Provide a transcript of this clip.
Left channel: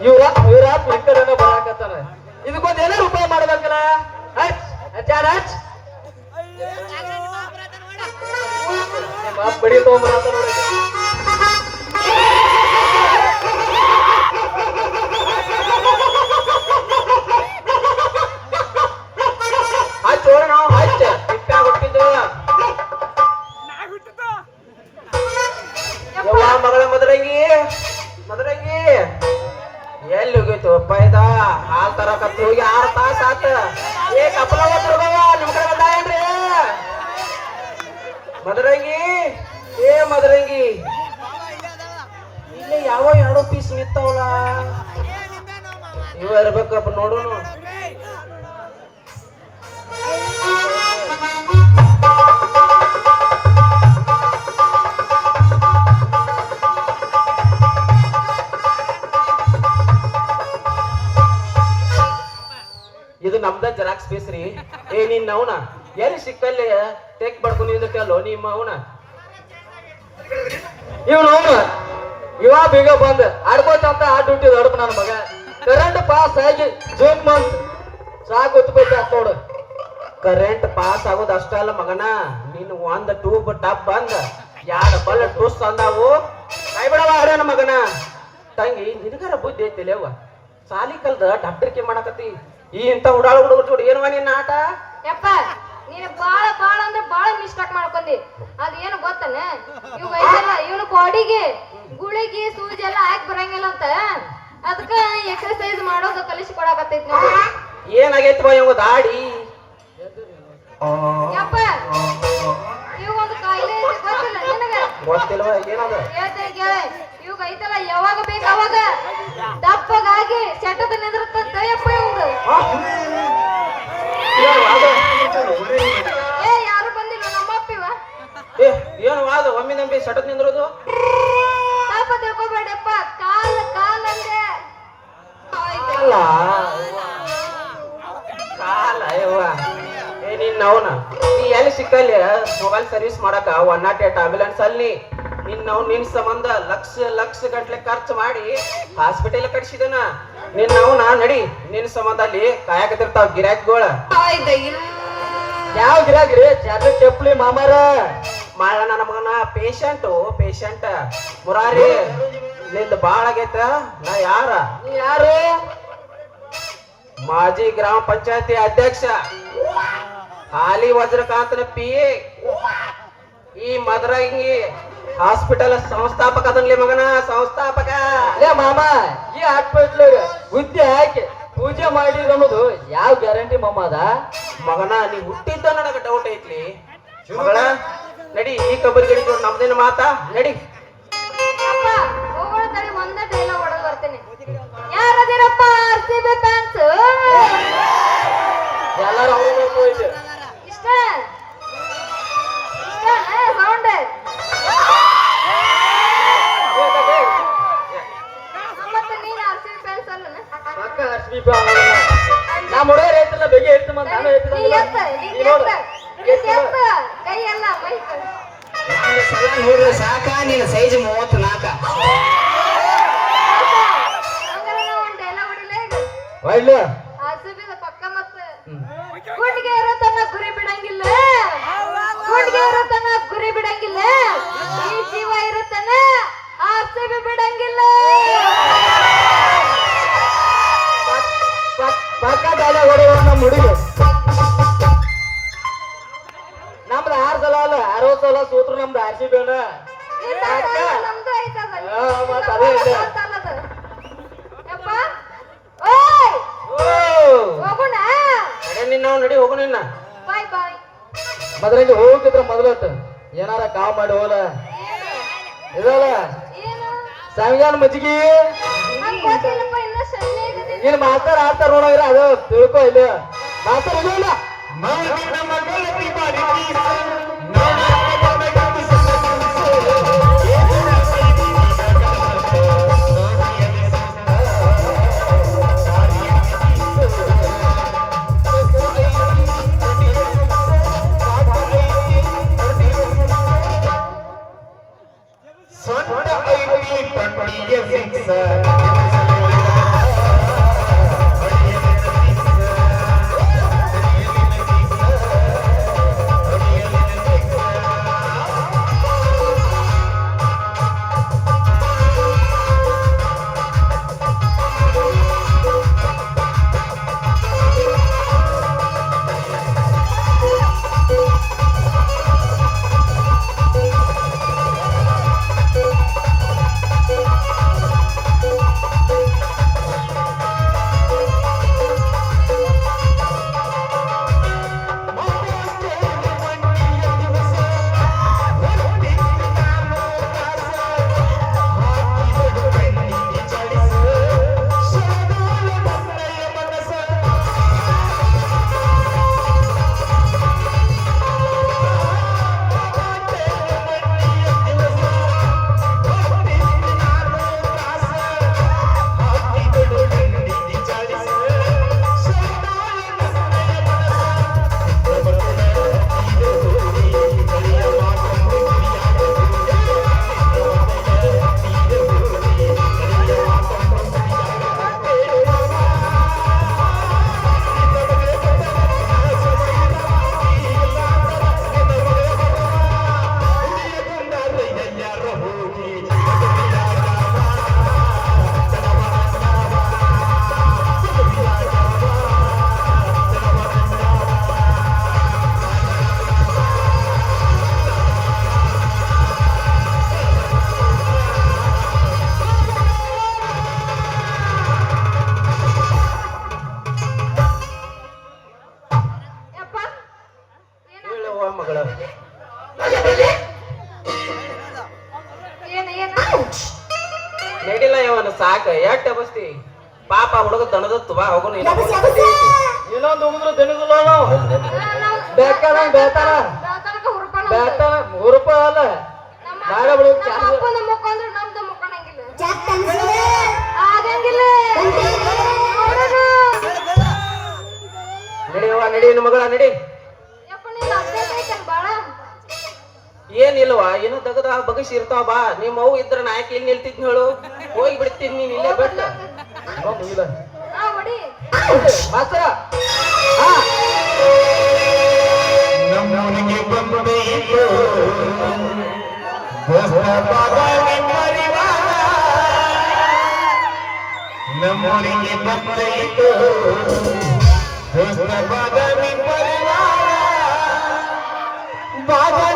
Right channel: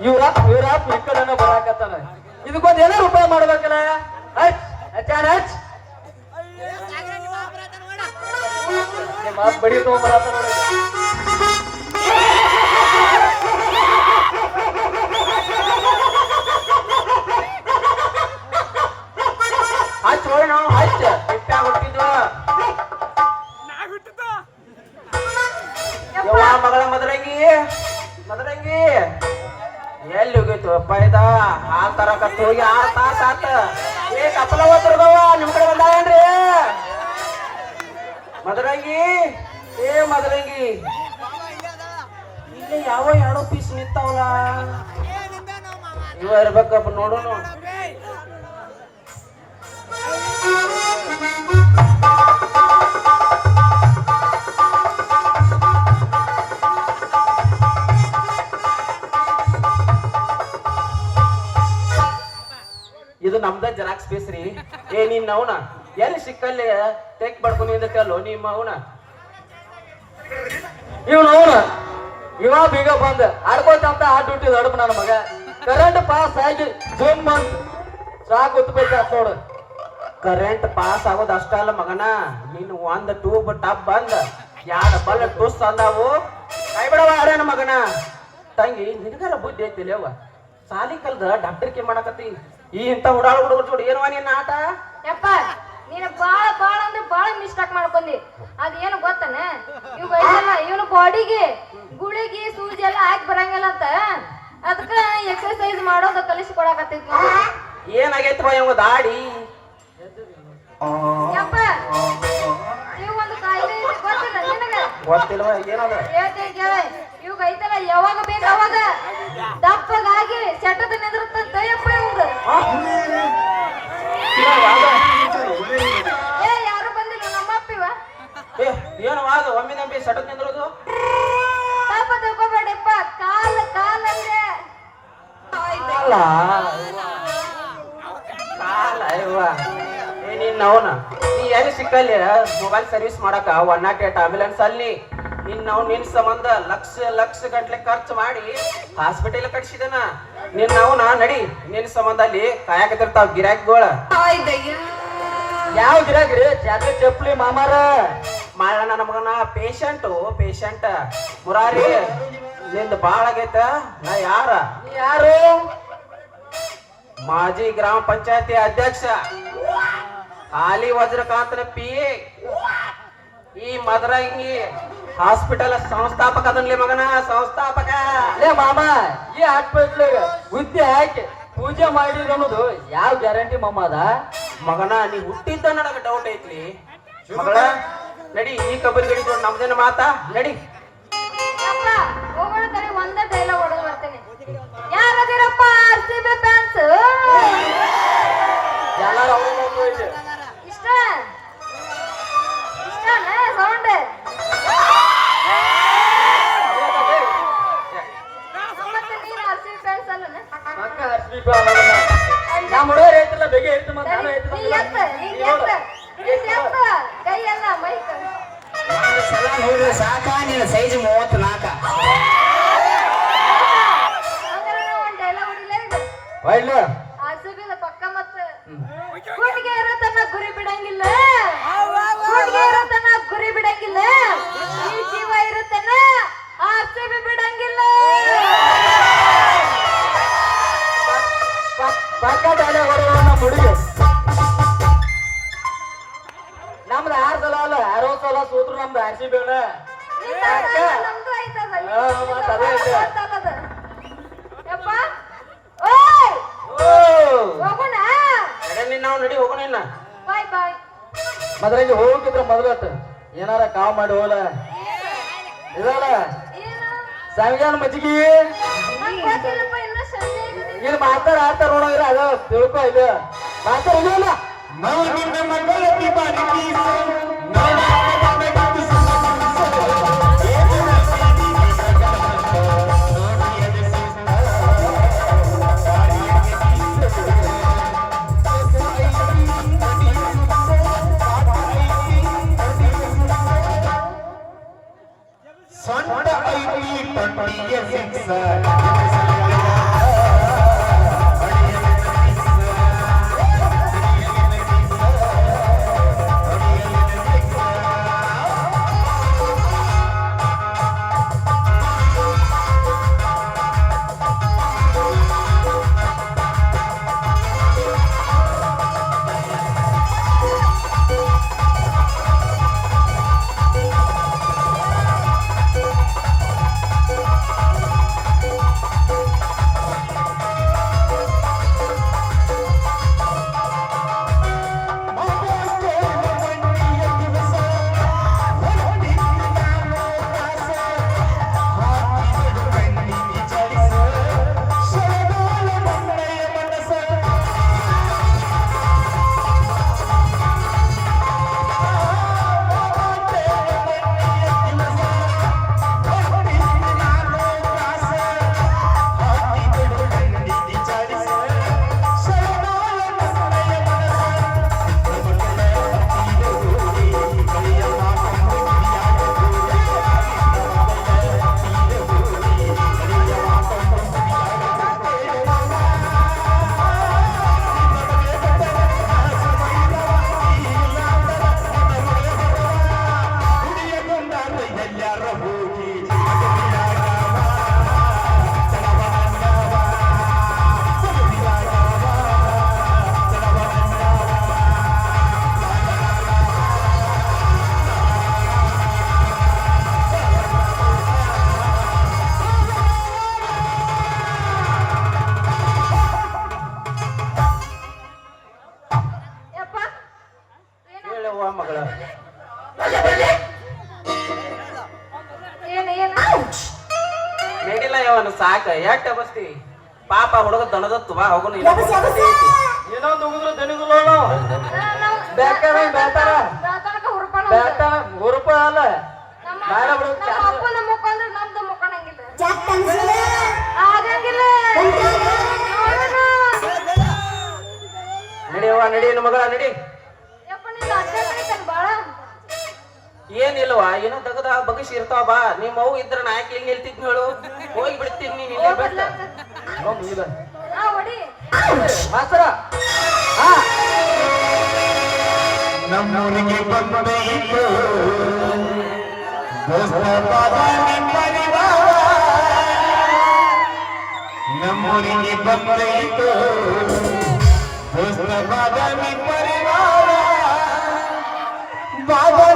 ಇವ್ರ ಇವ್ರ ಪಕ್ಕದನ್ನ ಬರಾಕತ್ತಾನ ಇದಕ್ಕೊಂದ್ ಏನೋ ರೂಪಾಯಿ ಮಾಡ್ಬೇಕಲ್ಲ? ಹಚ್ ಹಚ್ಚಾನ ಹಚ್. ಬಡಿ ತಗೊಂಬರತ್ತ ನೋಡಿ. ಇರ್ಬೇಕಪ್ಪ ನೋಡೋಣ. ಇದು ನಮ್ದ ಜೆರಾಕ್ಸ್ ಪೀಸ್ ರೀ. ಏ ನೀನ್ ಅವನ? ಎಲ್ಲಿ ಸಿಕ್ಕಲ್ಲಿ? ಟೇಕ್ ಮಾಡ್ಕೊಂಡು ಕೇಳೋ ನಿಮ್ಮ ಅವನ? ಇವ್ನು ಅವನ? ಬೀಗ ಬಂದ. ಅಡ್ಬೇಕಂತ ಆಟ ಹುಟ್ಟಿದ ಅಡ್ಬ ನನ್ನ ಮಗ. ಕರೆಂಟ್ ಪಾಸ್ ಆಗಿ ಜೂನ್ ಬಂದ್ ಸಾಕು ಉತ್ಬೇಕು ನೋಡು. ಕರೆಂಟ್ ಪಾಸ್ ಆಗೋದು ಅಷ್ಟ ಅಲ್ಲ ಮಗನ. ನೀನು ಒಂದ್ ಟ್ಯೂಬ್ ಟಾಪ್ ಬಂದ. ಯಾರ ಬಲ್ಲ ಟೂಸ್ ಅಂದಾವು. ಕೈ ಬಿಡವ ಆಡ್ಯಾನ ಮಗನ. ತಂಗಿ, ನಿನಗರ ಬುದ್ಧಿ ಐತಿ ಲೇವ ಸಾಲಿ ಕಲ್ದ ಡಾಕ್ಟರ್ಕೆ ಮಾಡಕತ್ತಿ. ಈ ಇಂಥ ಉಡಾಳ ಹುಡುಗರು ಜೋಡಿ ಏನವ ನಿನ್ನ ಆಟ? ನೀನು ಬಾಳ ಬಾಳ ಅಂದ್ರೆ ಬಾಳ ಮಿಸ್ಟೇಕ್ ಮಾಡ್ಕೊಂಡಿ. ಅದೇನು ಗೊತ್ತನ? ಇವ್ ಐತಲ್ಲ ಇವನ ಬಾಡಿಗೆ ಗುಳಿಗೆ ಸೂಜಿ ಎಲ್ಲ ಹಾಕಿ ಬರಂಗಿಲ್ಲ ಅಂತ. ಅದಕ್ಕ ಎಕ್ಸರ್ಸೈಜ್ ಮಾಡೋದು ಕಲಿಸಿ ಕೊಡಕತ್ತೈತಿ ಏನಾಗೈತೆ ಇವ ದಾಡಿ? ಯಪ್ಪ ಇವ್ ಒಂದು ಕಾಯಿಲೆ ಐತಿ ಗೊತ್ತಿಲ್ಲ ನಿನಗೆ? ಗೊತ್ತಿಲ್ಲ ಹೇಳ್ತೀನಿ ಕೇಳ ಇವಾಗ ಐತಲ್ಲ ಯಾವಾಗ ಬೇಕು ಅವಾಗ ದಪ್ಪಗಾಗಿ ಸೆಟದ ನಿಂದಿರುತ್ತಂತ ಯಪ್ಪ ಇವಂದು ಏ ಯಾರು ಬಂದಿಲ್ಲ? ನಮ್ಮ ಅಪ್ಪಿವ? ಏ ಏನು ಒಮ್ಮೆ ನಂಬಿ ಸಟಕ್ ನಿಂದ್ರದು? ತಪ್ಪ ತಿಳ್ಕೊಬೇಡಪ್ಪ. ಕಾಲ ಕಾಲ ಅಂದ್ರೆ ಅಲ್ಲ ಕಾಲ? ಅಯ್ಯವ್ವ. ಏ ನೀನ್ ಅವನ ನೀ ಎಲ್ಲಿ ಸಿಕ್ಕಲ್ಲಿ? ಮೊಬೈಲ್ ಸರ್ವಿಸ್ ಮಾಡಕ ಒನ್ ನಾಟ್ ಏಟ್ ಆಂಬ್ಯುಲೆನ್ಸ್ ಅಲ್ಲಿ. ನಿನ್ನ ಅವ್ನು ನಿನ್ ಸಂಬಂಧ ಲಕ್ಷ ಲಕ್ಷ ಗಟ್ಲೆ ಖರ್ಚು ಮಾಡಿ ಹಾಸ್ಪಿಟಲ್ ಕಟ್ಸಿದನ. ನಿನ್ನ ಅವನ ನಡಿ ನಿನ್ ಸಂಬಂಧ ಅಲ್ಲಿ ಕಾಯಕತ್ತಿರ್ತಾವ ಗಿರಾಕಿಗಳ. ಯಾವ ಗಿರಾಕ್ರಿ ಜಾತ್ರೆ ಚಪ್ಪಲಿ ಮಾಮಾರ. ಮಾಡ ನಮಗನ ಮಗನ ಪೇಷಂಟ್ ಪೇಷಂಟ್ ಮುರಾರಿ ನಿಂದ ಬಾಳ ಆಗೈತ? ನಾ ಯಾರ? ಯಾರು? ಮಾಜಿ ಗ್ರಾಮ ಪಂಚಾಯತಿ ಅಧ್ಯಕ್ಷ. ಹಾಲಿ ವಜ್ರಕಾಂತನ ಪಿ ಈ ಮದರಂಗಿ ಹಾಸ್ಪಿಟಲ್ ಸಂಸ್ಥಾಪಕ ಅದನ್ಲಿ ಮಗನ ಸಂಸ್ಥಾಪಕ. ಲೇ ಮಾಮ ಈ ಹಾಸ್ಪಿಟಲ್ ಗುದ್ದಿ ಹಾಕಿ ಪೂಜೆ ಮಾಡಿದ್ರ ಅನ್ನೋದು ಯಾವ ಗ್ಯಾರಂಟಿ ಮಾಮ ಅದ? ಮಗನ ನೀ ಹುಟ್ಟಿದ್ದ ನನಗೆ ಡೌಟ್ ಐತ್ಲಿ. ಮಗಳ ನಡಿ ಈ ಕಬರಿ ನಮ್ದೇನ ಮಾತಾ? ನಡಿ. ಒಳ್ಳೆ ಆರ್ ಪಕ್ಕ ಮತ್ತ. ಗುರಿ ಬಿಡಂಗಿಲ್ಲ. ಗುರಿ ಬಿಡಂಗಿಲ್ಲ. ಈ ಜೀವ ಇರತ್ತನ್ನ ಆರ್ ಬಿಡಂಗಿಲ್ಲ. ಪಕ್ಕ ಹೊಡೆಯುವ ನಮ್ಮ ಹುಡುಗಿ. ನಮ್ದು ಆರು ಸಲ ಅಲ್ಲ ಅರವತ್ತು ಸಲ ಸೂತ್ರ ನಮ್ದು ಆರ್ ಸಿ ಬಿ ಅಲ್ಲ ನಿಂದ ಅದ, ನಮ್ದು ಐತದ. ಹಾ, ಮತ್ತೆ ಅದೇ ಐತೆ. ಗೊತ್ತಲ್ಲದ. ಯಪ್ಪ ಓಯ್ ಹೋಗೋಣ ನಡಿ ನಾವು ನಡಿ ಹೋಗೋಣ ಇನ್ನ. ಬಾಯ್ ಬಾಯ್. ಮೊದಲಿಗೆ ಹೋಗಿದ್ರ ಮೊದಲತ್ತು ಏನಾರ ಕಾ ಮಾಡಿ ಹೋದ ಇದಲ್ಲ ಏನು? ಸಾವಿಗಾನ ಮಜ್ಜಿಗೆ. ಏನ್ ಮಾತಾಡ ಆಡ್ತಾರ ನೋಡಿದ್ರ ಅದ ತಿಳ್ಕೊ ಇಲ್ಲ. ಮಾತಾಡ ಇಲ್ಲ Thank you. ನಡಿಲ್ಲ ಇವನು ಸಾಕ ಎಟ್ಟ ಬಸ್ತಿ ಪಾಪ ಹುಡುಗ ದನದತ್ತು ತುಬಾ ಹೋಗು ಇನ್ನೊಂದು ಉಂಗ್ರು ದಣಿದಿಲ್ಲ ನಾವು ನಾವು ಬೇಕಾದ ಬೇತಾರ ಹುರುಪ ಅಲ್ಲ. ಬಾಳ ಮಾಡ ಏನೋ ದಗದ ಬಗಸಿ ಇರ್ತಾವ, ಬಾ. ನಿಮ್ಮ ಅವು ಇದ್ರ ನಾ ಯಾಕೆ ಇಲ್ಲಿ ನಿಲ್ತಿದ್ನಿ ಹೇಳು ಹೋಗಿ ಬಿಡ್ತೀನಿ ನೀನ್ ಇಲ್ಲೇ ಬಿಟ್ಟ. ನಮ್ಮನಿಗೆ ಬಂದೈತು. ಬಾಬಾ